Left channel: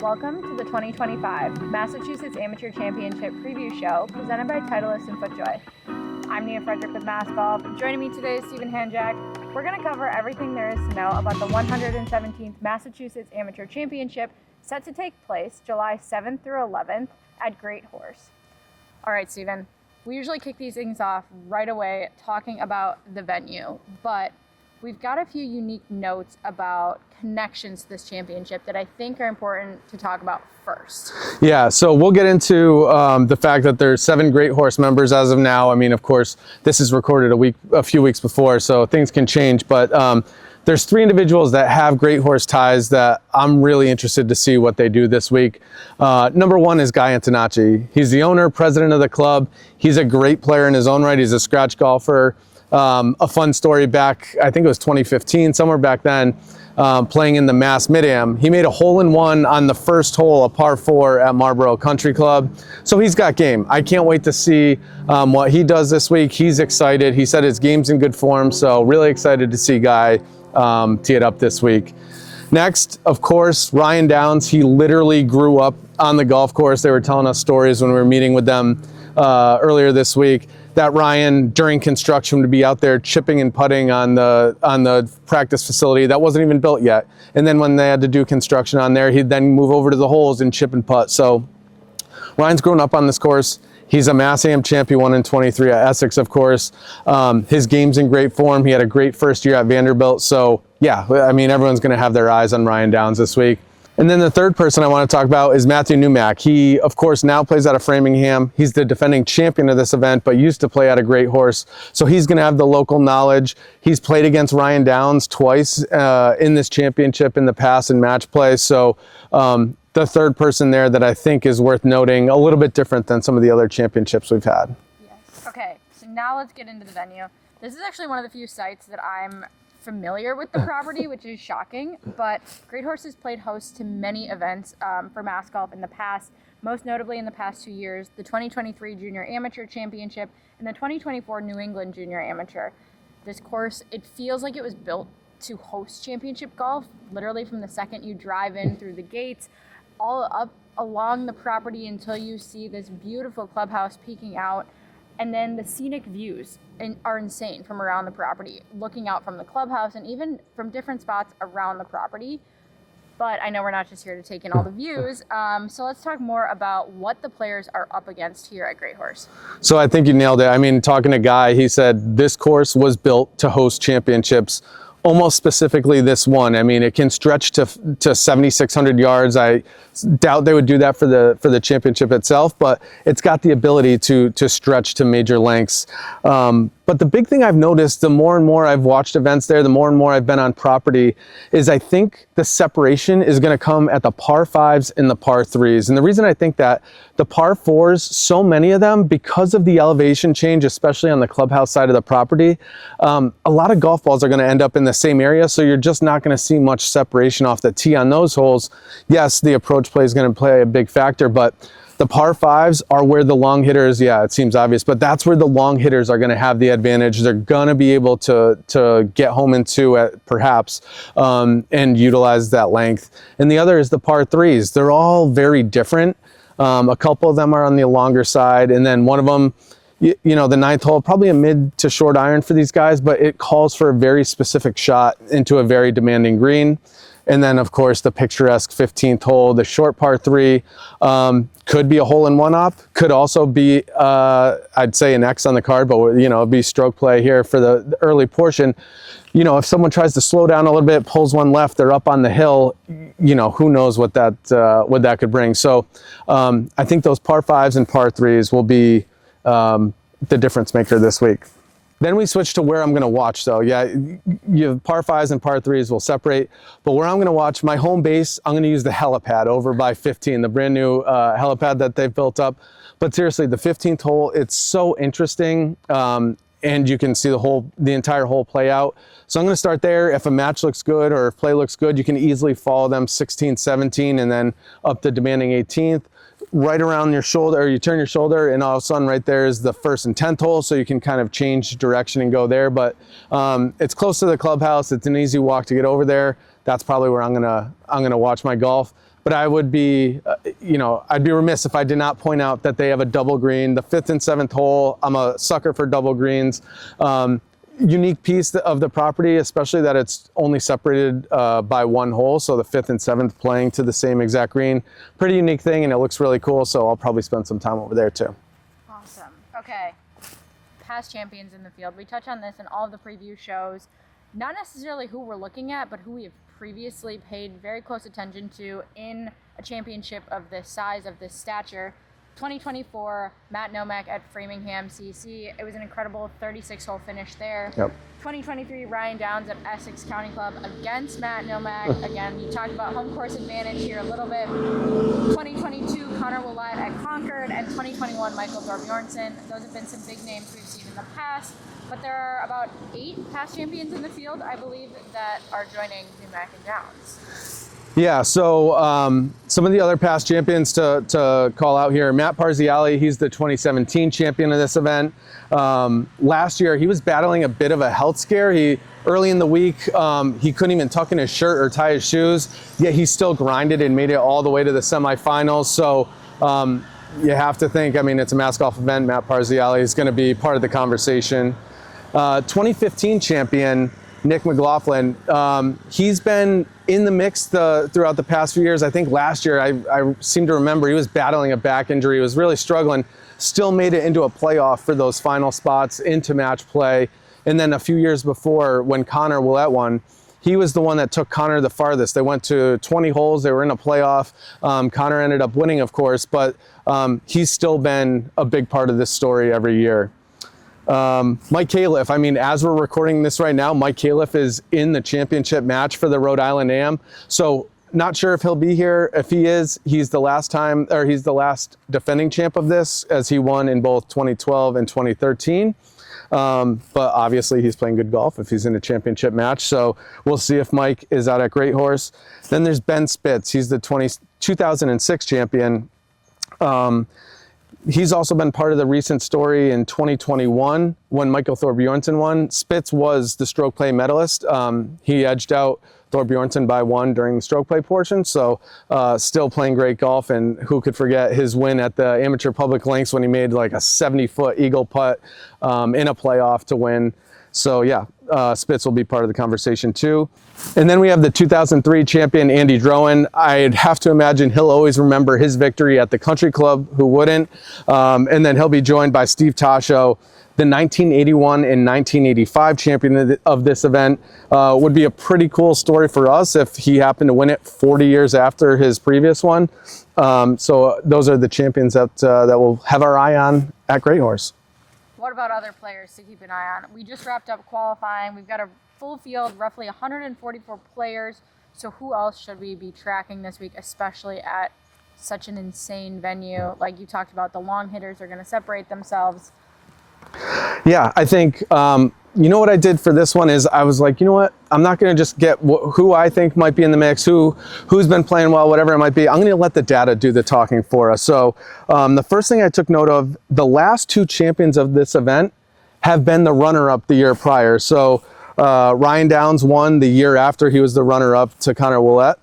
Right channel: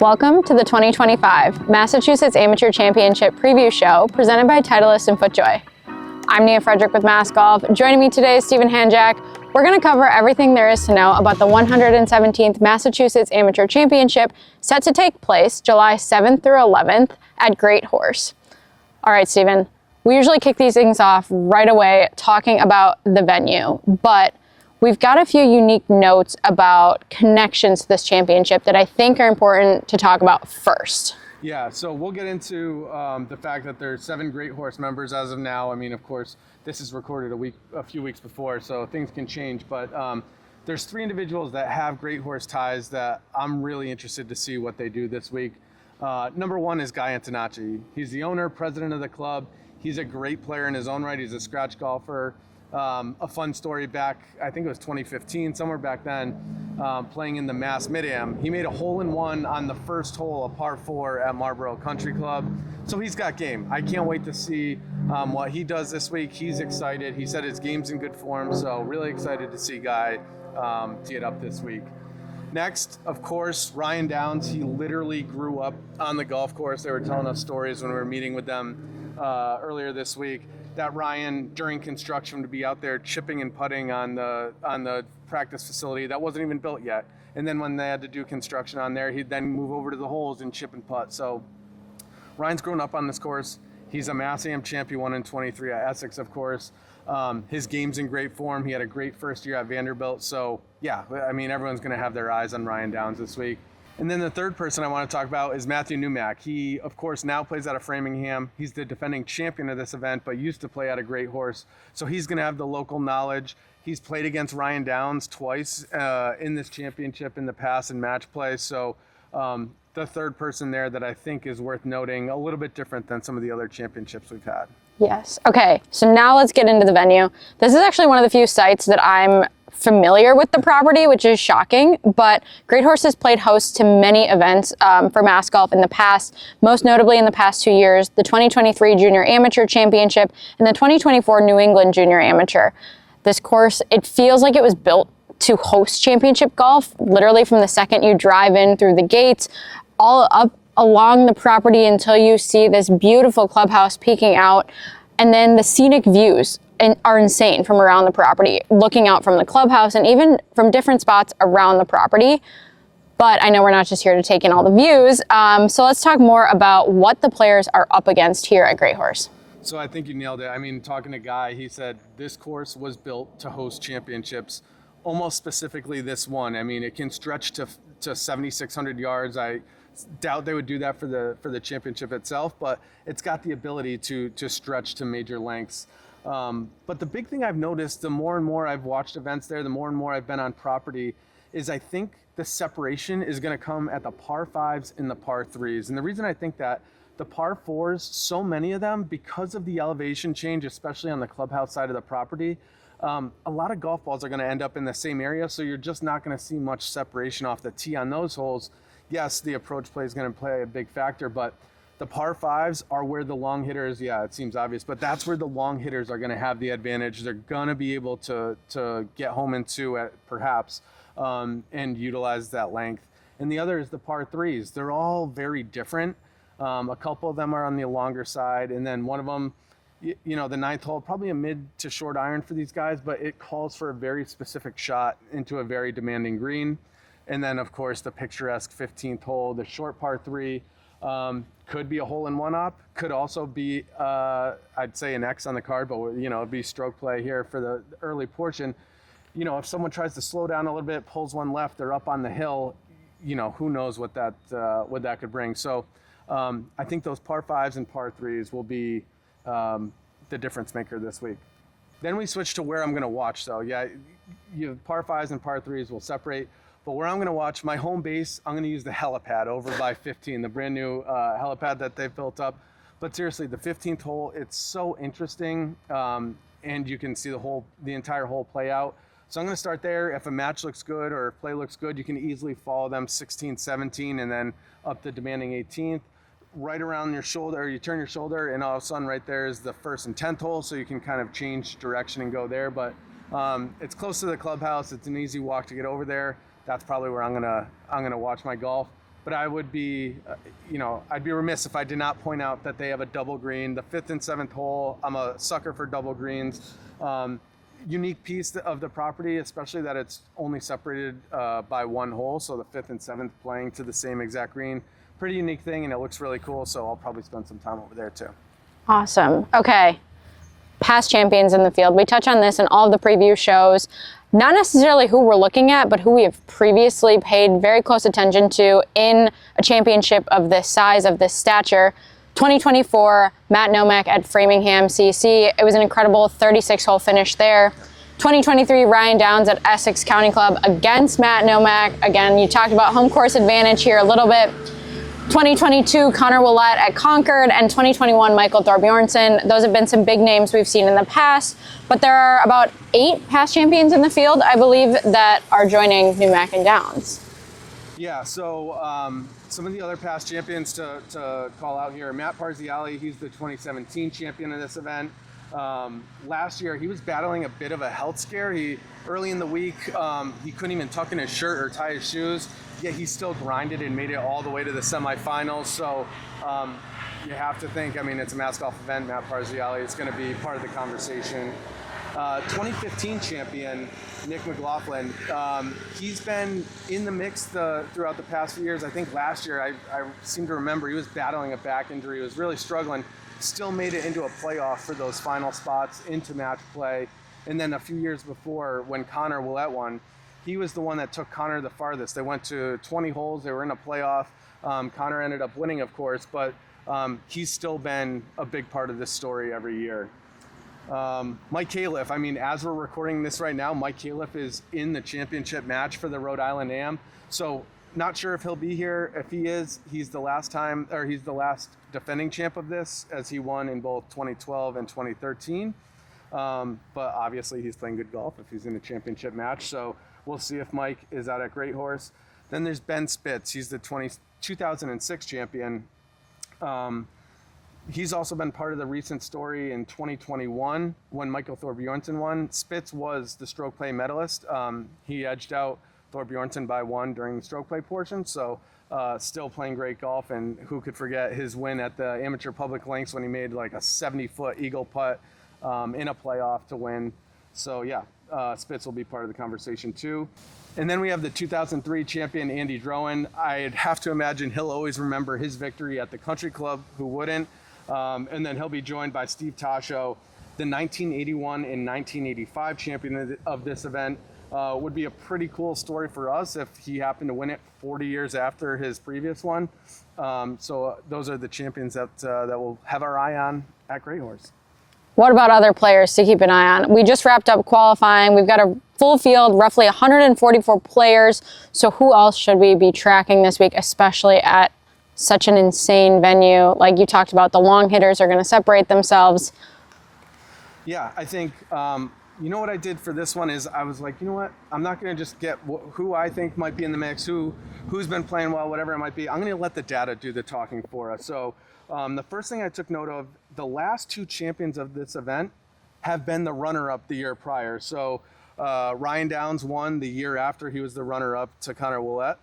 Welcome to the 2025 Massachusetts Amateur Championship Preview Show presented by Titleist and FootJoy. I'm Nia Frederick with Mass Golf. Joining me today is Stephen Hanjack. We're going to cover everything there is to know about the 117th Massachusetts Amateur Championship set to take place July 7th through 11th at GreatHorse. All right, Stephen, we usually kick these things off right away talking about the venue, but we've got a few unique notes about connections to this championship that I think are important to talk about first. Yeah, so we'll get into the fact that there's 7 GreatHorse members as of now. I mean, of course, this is recorded a few weeks before, so things can change. But there's 3 individuals that have GreatHorse ties that I'm really interested to see what they do this week. Number 1 is Guy Antonacci. He's the owner, president of the club. He's a great player in his own right. He's a scratch golfer. A fun story back, I think it was 2015, somewhere back then, playing in the Mass Mid-Am. He made a hole-in-one on the first hole, a par 4 at Marlboro Country Club. So he's got game. I can't wait to see what he does this week. He's excited. He said his game's in good form, so really excited to see Guy tee it up this week. Next, of course, Ryan Downs. He literally grew up on the golf course. They were telling us stories when we were meeting with them earlier this week, that Ryan, during construction, would be out there chipping and putting on the practice facility that wasn't even built yet. And then when they had to do construction on there, he'd then move over to the holes and chip and putt. So Ryan's grown up on this course. He's a Mass Am champ. He won in 23 at Essex, of course. His game's in great form. He had a great first year at Vanderbilt. So yeah, I mean, everyone's going to have their eyes on Ryan Downs this week. And then the third person I want to talk about is Matthew Newmack. He, of course, now plays out of Framingham. He's the defending champion of this event, but used to play at a GreatHorse. So he's going to have the local knowledge. He's played against Ryan Downs twice in this championship in the past in match play. So the third person there that I think is worth noting, a little bit different than some of the other championships we've had. Yes. Okay, so now let's get into the venue. This is actually one of the few sites that I'm familiar with the property, which is shocking, but GreatHorse has played host to many events for Mass Golf in the past, most notably in the past 2 years, the 2023 Junior Amateur Championship and the 2024 New England Junior Amateur. This course, it feels like it was built to host championship golf, literally from the second you drive in through the gates, all up along the property until you see this beautiful clubhouse peeking out, and then the scenic views are insane from around the property, looking out from the clubhouse and even from different spots around the property. But I know we're not just here to take in all the views. So let's talk more about what the players are up against here at GreatHorse. So I think you nailed it. I mean, talking to Guy, he said this course was built to host championships, almost specifically this one. I mean, it can stretch to 7,600 yards. I doubt they would do that for the championship itself, but it's got the ability to stretch to major lengths. But the big thing I've noticed, the more and more I've watched events there, the more and more I've been on property, is I think the separation is going to come at the par 5s and the par 3s. And the reason I think that, the par 4s, so many of them, because of the elevation change, especially on the clubhouse side of the property, a lot of golf balls are going to end up in the same area, so you're just not going to see much separation off the tee on those holes. Yes, the approach play is going to play a big factor, but the par 5s are where the long hitters, yeah, it seems obvious, but that's where the long hitters are going to have the advantage. They're going to be able to get home in 2 perhaps and utilize that length. And the other is the par 3s. They're all very different. A couple of them are on the longer side, and then one of them, you know, the 9th hole, probably a mid to short iron for these guys, but it calls for a very specific shot into a very demanding green. And then, of course, the picturesque 15th hole, the short par 3, could be a hole-in-one op, could also be, I'd say, an X on the card, but, you know, it'd be stroke play here for the early portion. You know, if someone tries to slow down a little bit, pulls one left, they're up on the hill, you know, who knows what that could bring. So I think those par 5s and par 3s will be the difference maker this week. Then we switch to where I'm going to watch, though. Yeah, you have par 5s and par 3s will separate, but where I'm going to watch, my home base, I'm going to use the helipad over by 15, the brand new helipad that they've built up. But seriously, the 15th hole, it's so interesting, and you can see the entire hole play out. So I'm going to start there. If a match looks good or if play looks good, you can easily follow them 16, 17, and then up the demanding 18th. Right around your shoulder, or you turn your shoulder, and all of a sudden right there is the 1st and 10th hole, so you can kind of change direction and go there. But it's close to the clubhouse. It's an easy walk to get over there. That's probably where I'm gonna watch my golf. but I would be, I'd be remiss if I did not point out that they have a double green. The 5th and 7th hole, I'm a sucker for double greens. Unique piece of the property, especially that it's only separated by 1 hole, so the 5th and 7th playing to the same exact green. Pretty unique thing, and it looks really cool, so I'll probably spend some time over there too. Awesome. Okay. Past champions in the field. We touch on this in all of the preview shows. Not necessarily who we're looking at, but who we have previously paid very close attention to in a championship of this size, of this stature. 2024, Matt Nomak at Framingham CC. It was an incredible 36-hole finish there. Yep. 2023, Ryan Downs at Essex County Club against Matt Nomak. Again, you talked about home course advantage here a little bit. 2022, Connor Willett at Concord, and 2021, Michael Thorbjornsen. Those have been some big names we've seen in the past, but there are about 8 past champions in the field, I believe, that are joining Nomak and Downs. Yeah, so some of the other past champions to call out here, Matt Parziale, he's the 2017 champion of this event. Last year, he was battling a bit of a health scare. Early in the week, he couldn't even tuck in his shirt or tie his shoes, yet he still grinded and made it all the way to the semifinals. So you have to think, I mean, it's a mass golf event. Matt Parziale is going to be part of the conversation. 2015 champion, Nick McLaughlin, he's been in the mix throughout the past few years. I think last year, I seem to remember he was battling a back injury. He was really struggling, still made it into a playoff for those final spots into match play. And then a few years before, when Connor Willett won, he was the one that took Connor the farthest. They went to 20 holes. They were in a playoff. Connor ended up winning, of course, but he's still been a big part of this story every year. Mike Califf, I mean, as we're recording this right now, Mike Califf is in the championship match for the Rhode Island Am. So not sure if he'll be here. If he is, he's the last defending champ of this, as he won in both 2012 and 2013. But obviously he's playing good golf if he's in a championship match. So we'll see if Mike is out at GreatHorse. Then there's Ben Spitz. He's the 2006 champion. He's also been part of the recent story in 2021 when Michael Thorbjornsen won. Spitz was the stroke play medalist. He edged out Thorbjornsen by 1 during the stroke play portion, so still playing great golf, and who could forget his win at the Amateur Public Links when he made like a 70-foot eagle putt in a playoff to win. So yeah, Spitz will be part of the conversation too. And then we have the 2003 champion, Andy Drowan. I'd have to imagine he'll always remember his victory at the Country Club, who wouldn't? And then he'll be joined by Steve Tasho, the 1981 and 1985 champion of this event. Would be a pretty cool story for us if he happened to win it 40 years after his previous one. So those are the champions that we'll have our eye on at GreatHorse. What about other players to keep an eye on? We just wrapped up qualifying. We've got a full field, roughly 144 players. So who else should we be tracking this week, especially at such an insane venue? Like you talked about, the long hitters are going to separate themselves. Yeah, I think, you know what I did for this one is I was like, you know what? I'm not going to just get who I think might be in the mix, who's been playing well, whatever it might be. I'm going to let the data do the talking for us. So the first thing I took note of, the last 2 champions of this event have been the runner-up the year prior. So Ryan Downs won the year after he was the runner-up to Connor Willett.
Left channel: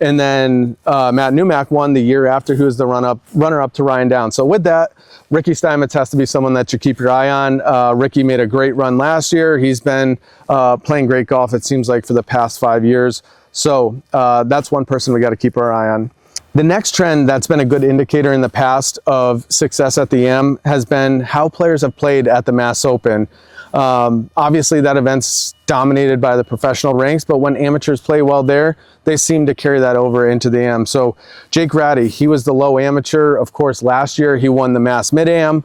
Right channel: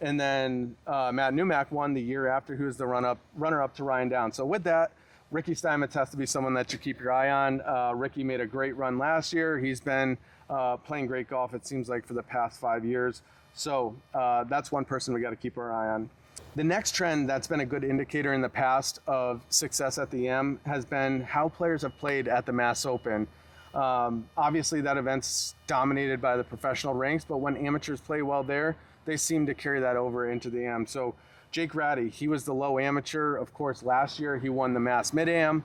And then Matt Nomak won the year after he was the runner-up to Ryan Downs. So with that, Ricky Steinmetz has to be someone that you keep your eye on. Ricky made a great run last year. He's been playing great golf, it seems like, for the past 5 years. So that's one person we got to keep our eye on. The next trend that's been a good indicator in the past of success at the Am has been how players have played at the Mass Open. Obviously, that event's dominated by the professional ranks, but when amateurs play well there, they seem to carry that over into the Am. So Jake Ratty, he was the low amateur. Of course, last year he won the Mass Mid-Am.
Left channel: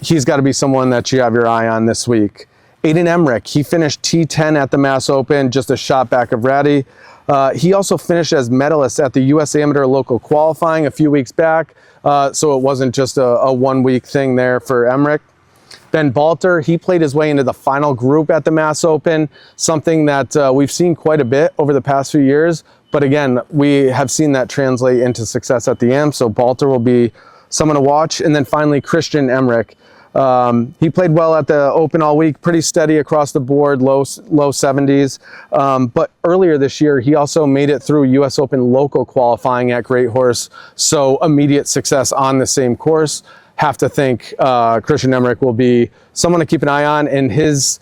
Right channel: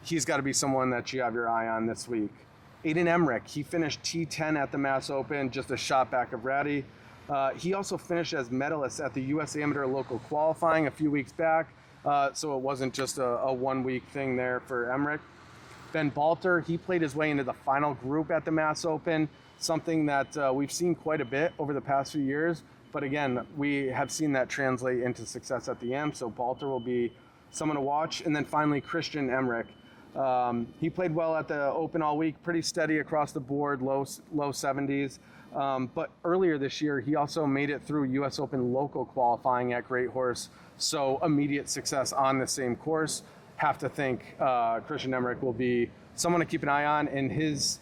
He's got to be someone that you have your eye on this week. Aiden Emmerich, he finished T10 at the Mass Open, just a shot back of Ratty. He also finished as medalist at the U.S. Amateur Local Qualifying a few weeks back, so it wasn't just a one-week thing there for Emmerich. Ben Balter, he played his way into the final group at the Mass Open, something that we've seen quite a bit over the past few years. But again, we have seen that translate into success at the Am, so Balter will be someone to watch. And then finally, Christian Emmerich. He played well at the Open all week, pretty steady across the board, low 70s. But earlier this year, he also made it through U.S. Open local qualifying at GreatHorse, so immediate success on the same course. Have to think Christian Emmerich will be someone to keep an eye on, and his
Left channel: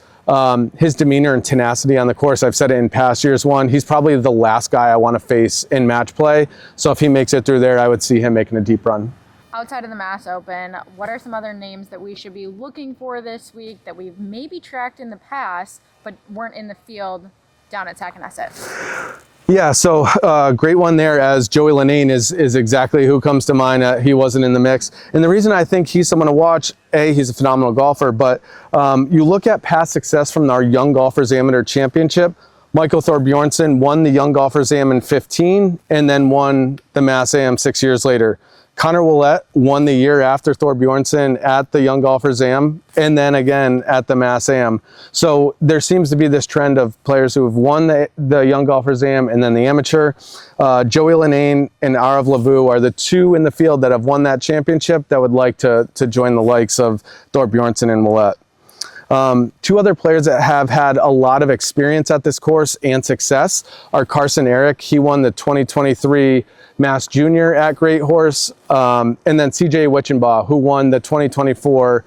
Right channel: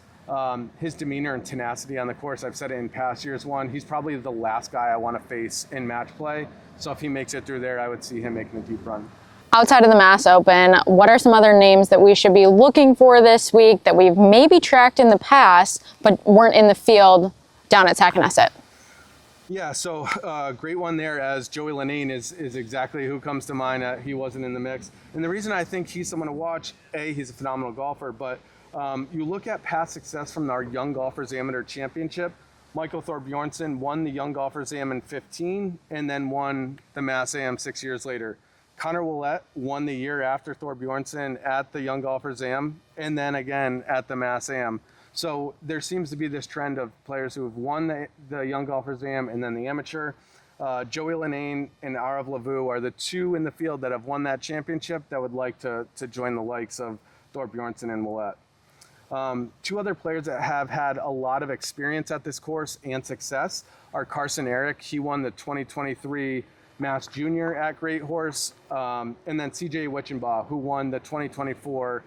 demeanor and tenacity on the course. I've said it in past years. He's probably the last guy I want to face in match play. So if he makes it through there, I would see him making a deep run. Outside of the Mass Open, what are some other names that we should be looking for this week that we've maybe tracked in the past but weren't in the field down at Sacanesset? Yeah, so great one there, as Joey Linane is exactly who comes to mind. He wasn't in the mix. And the reason I think he's someone to watch, he's a phenomenal golfer, but you look at past success from our Young Golfers Amateur Championship. Michael Thorbjornsen won the Young Golfers Am in 15 and then won the Mass Am 6 years later. Connor Willett won the year after Thorbjornsen at the Young Golfers Am and then again at the Mass Am. So there seems to be this trend of players who have won the Young Golfers Am and then the Amateur. Joey Linane and Arav Lavu are the two in the field that have won that championship that would like to join the likes of Thorbjornsen and Willett. Two other players that have had a lot of experience at this course and success are Carson Eric. He won the 2023 Mass Junior at GreatHorse, and then CJ Wichenbaugh, who won the 2024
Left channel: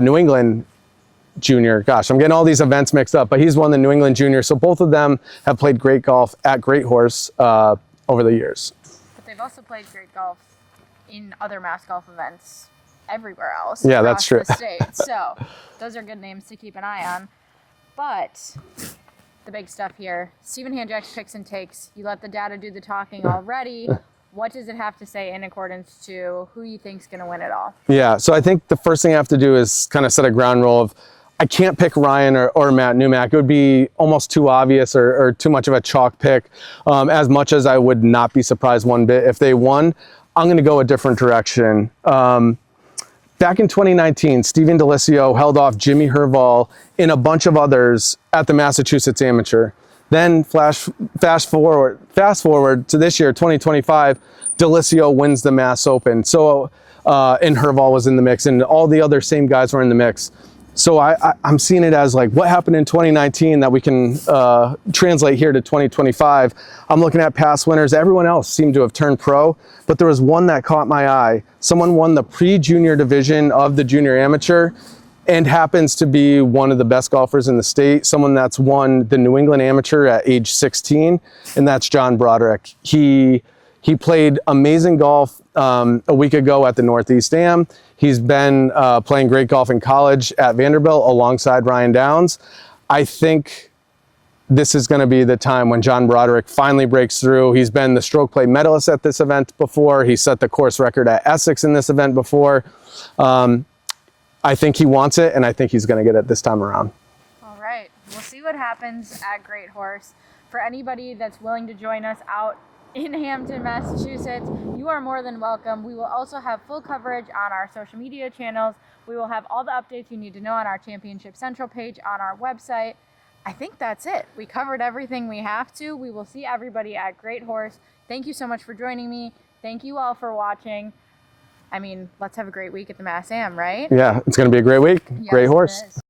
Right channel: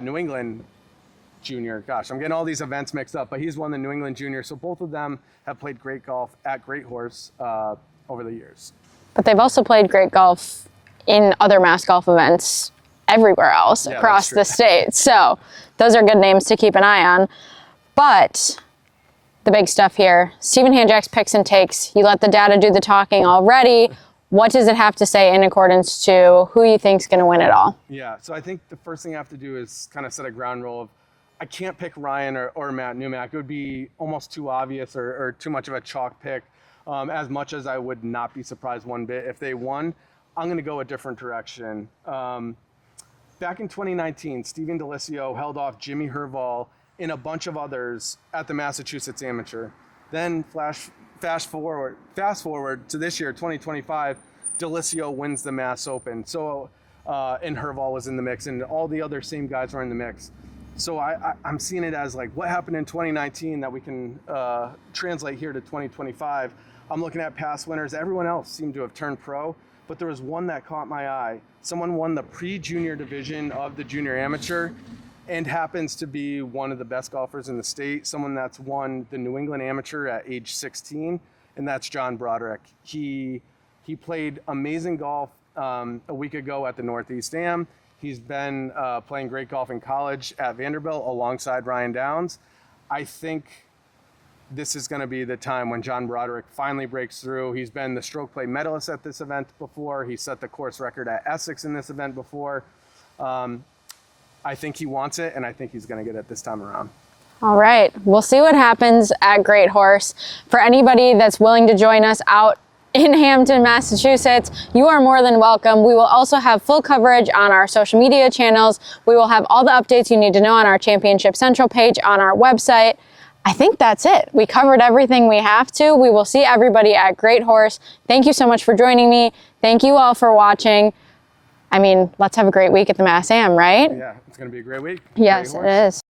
New England Junior. Gosh, I'm getting all these events mixed up, but he's won the New England Junior. So both of them have played great golf at GreatHorse over the years. But they've also played great golf in other Mass golf events everywhere else across the state. So those are good names to keep an eye on. But the big stuff here, Stephen Hanjak's picks and takes. You let the data do the talking already. What does it have to say in accordance to who you think's going to win it all? Yeah, so I think the first thing I have to do is kind of set a ground rule of I can't pick Ryan or Matt Newmack. It would be almost too obvious or too much of a chalk pick. As much as I would not be surprised one bit if they won, I'm going to go a different direction. Back in 2019, Steven D'Alessio held off Jimmy Herval and a bunch of others at the Massachusetts Amateur. Then fast forward to this year, 2025, D'Alessio wins the Mass Open. So, and Herval was in the mix, and all the other same guys were in the mix. So I'm seeing it as like what happened in 2019 that we can translate here to 2025. I'm looking at past winners. Everyone else seemed to have turned pro, but there was one that caught my eye. Someone won the pre-junior division of the junior amateur and happens to be one of the best golfers in the state, someone that's won the New England Amateur at age 16, and that's John Broderick. He played amazing golf a week ago at the Northeast Am. He's been playing great golf in college at Vanderbilt alongside Ryan Downs. I think this is going to be the time when John Broderick finally breaks through. He's been the stroke play medalist at this event before. He set the course record at Essex in this event before. I think he wants it, and I think he's going to get it this time around. All right, we'll see what happens at GreatHorse. For anybody that's willing to join us out in Hampton, Massachusetts, you are more than welcome. We will also have full coverage on our social media channels. We will have all the updates you need to know on our Championship Central page on our website. I think that's it. We covered everything we have to. We will see everybody at GreatHorse. Thank you so much for joining me. Thank you all for watching. I mean, let's have a great week at the Mass Am, right? Yeah, it's going to be a great week. Yes, GreatHorse. it is.